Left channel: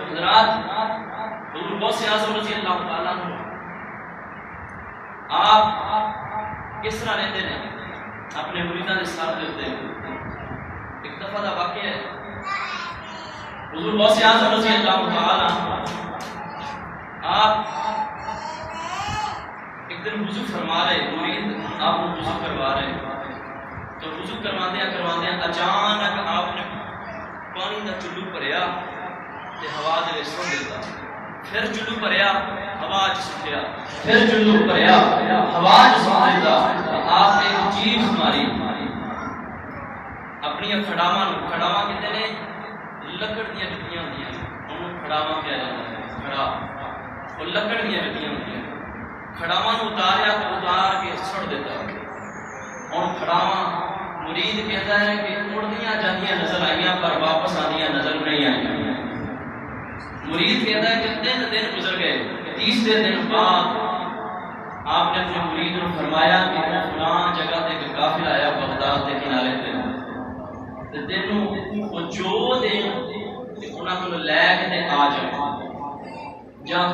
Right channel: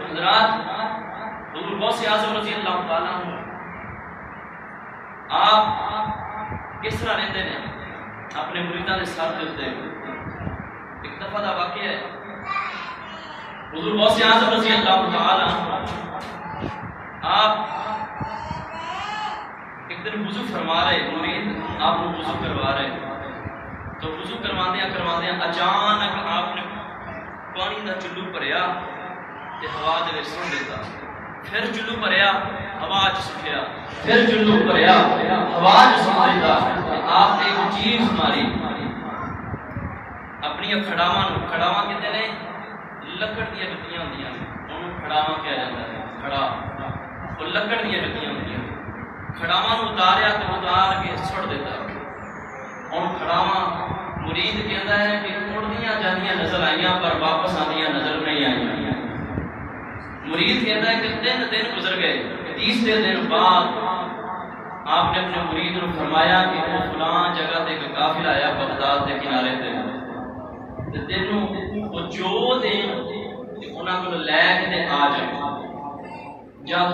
حضرات حضور غوث اعظم رضی اللہ تعالیٰ عنہ آپ کس طرح رہتے ہیں اپنے مریداں دے ساتھ ہوتے ہیں. ایک دفعہ دا واقعہ ہے حضور غوث اعظم رضی اللہ تعالیٰ عنہ آپ ایک دن وضو فرما رہے, مرید آپ کو وضو کروا رہے, تو وضو کرواندیاں اچانک آپ نے پانی دا چلو بھریا تے ہوا دے وچ سٹ دیتا, پھر چلو بھریا ہوا چ سٹیا, پھر چلو بھریا ہوا چ سٹ دیتا. آپ نے ایک چیز ماری اپنی کھڑاواں نوں, کھڑاواں کہندے نے لکڑ دیاں جتیاں ہوندیاں نے, انہوں کھڑاواں کہا جاتا ہے. کھڑا وہ لکڑ دیاں جتیاں ہوندیاں نے, کھڑاواں نوں اتاریا تے اتار کے سٹ دیتا. ہن کھڑاواں مرید کہتا ہے کہ اڑدیاں جاندیاں نظر آئیاں پر واپس آندیاں نظر نہیں آئیاں. مرید کہتا ہے کہ 3 دن گزر گئے, تیسرے دن بعد آپ نے اپنے مرید کو فرمایا کہ فلاں جگہ تے ایک قافلہ آیا بغداد کے کنارے تے, تے تینوں وہ جو دین انہاں کول لے کے تے آ جا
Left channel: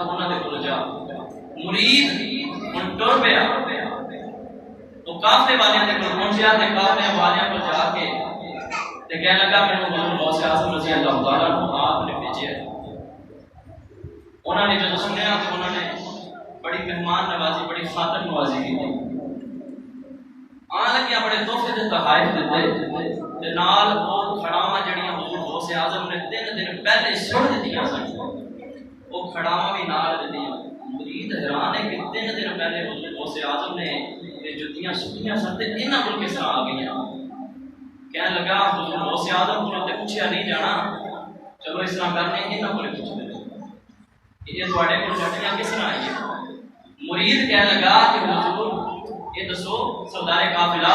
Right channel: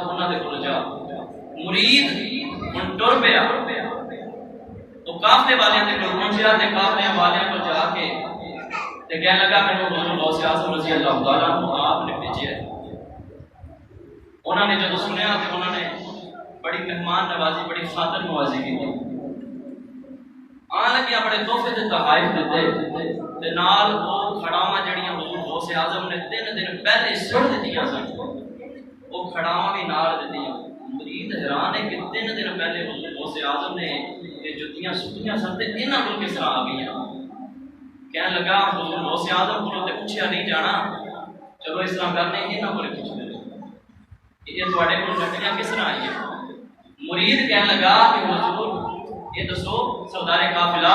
انہاں دے کول جا. مرید ہن ٹر پیا, وہ قافلے والے تے کول پہنچیا تے قافلے والے کول جا کے تے کہنے لگا مینوں حضور غوث اعظم رضی اللہ تعالیٰ عنہ آپ نے بھیجیا ہے. انہوں نے جب سنیا تو انہوں نے بڑی مہمان نوازی, بڑی خاطر نوازی کی تھی. آن لگیا بڑے تحفے تے تحائف دیتے تے نال وہ کھڑاواں جڑیاں حضور غوث اعظم نے 3 دن پہلے سٹ دتیاں سن, وہ کھڑاواں بھی نال دتیاں. مرید حیران ہے کہ 3 دن پہلے حضور غوث اعظم نے یہ جتیاں سٹیاں سن تے انہاں کول کس طرح آ گئیاں. کہنے لگا حضور غوث اعظم کولوں تے پوچھیا نہیں جانا, چلو اس طرح کرنے انہاں کول پوچھنے یہ تواڈے کول جتیاں کس طرح آئیاں. مرید کہنے لگا کہ حضور یہ دسو سردار قافلہ,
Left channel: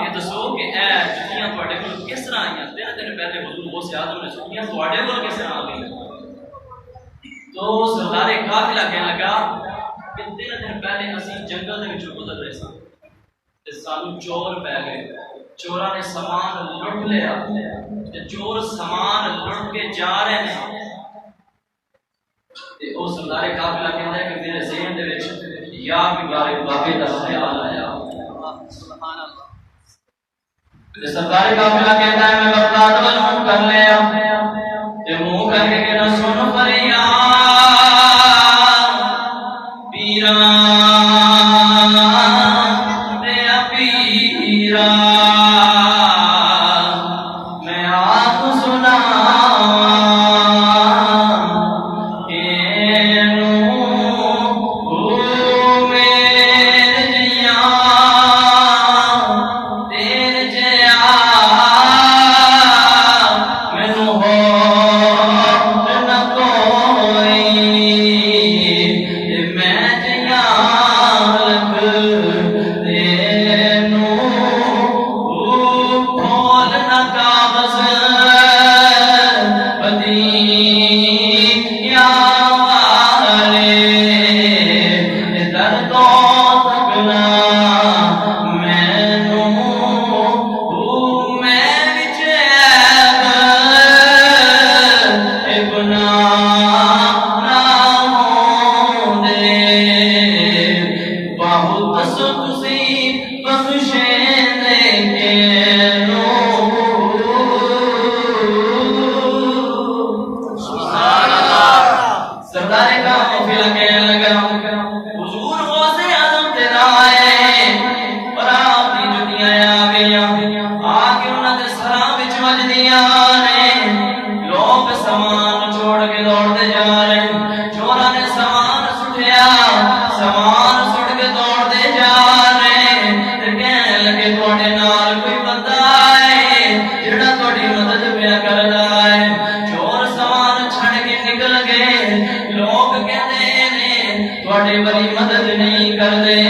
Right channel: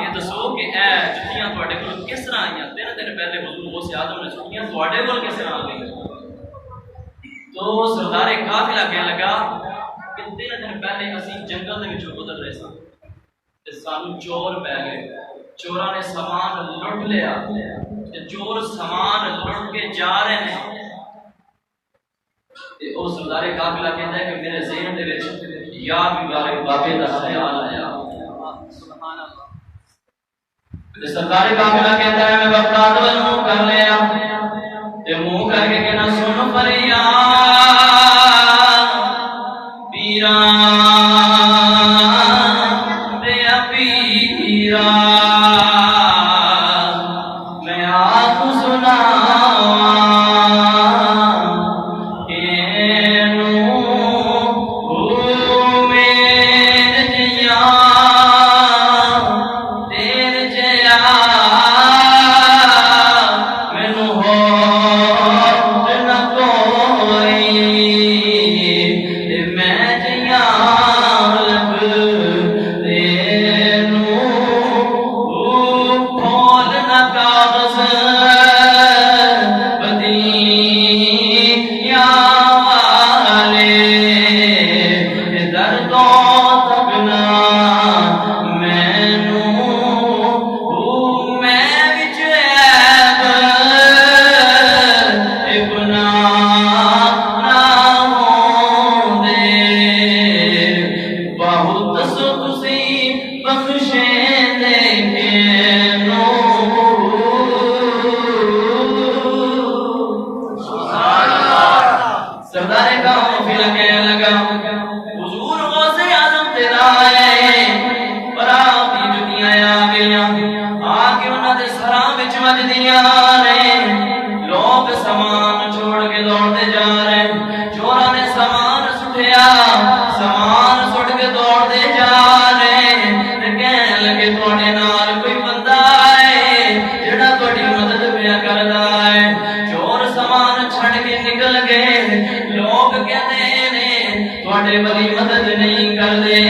یہ دسو کہ اے جتیاں تواڈے کول کس طرح آئیاں. 3 دن پہلے حضور غوث اعظم نے سٹیاں تواڈے کول کس طرح آ گئیں. تو سردار قافلہ کہنے لگا کہ 3 دن پہلے اسی جنگل دے وچوں گزر رہے سن تے سانوں چور پے گئے, چوراں نے سامان لٹ لیا تے چور سامان لٹ کے جا رہے ہیں. تے او سردار قافلہ کہندا ہے کہ میرے ذہن دے وچ یا مبارک بابے دا خیال آیا. سبحان اللہ. تے سردار قافلہ کہندا ہے میں بغداد ول منہ کر لیا تے منہ کر کے کہنا سن فریاد پیراں تے پیراں میں آپ سناواں لوگ سامان چھوڑ کے دوڑتے جا رہے ہیں. چوراں نے سامان سٹیا, سامان سٹ کے دوڑتے جا رہے ہیں. کہنے لگے تواڈے نال کوئی بندہ ہے جڑا تواڈی مدد پیا کردا ہے. چور سامان چھڑ کے نکل گئے. لوگ کہندے نے تواڈے بڑی مدد نہیں کردے.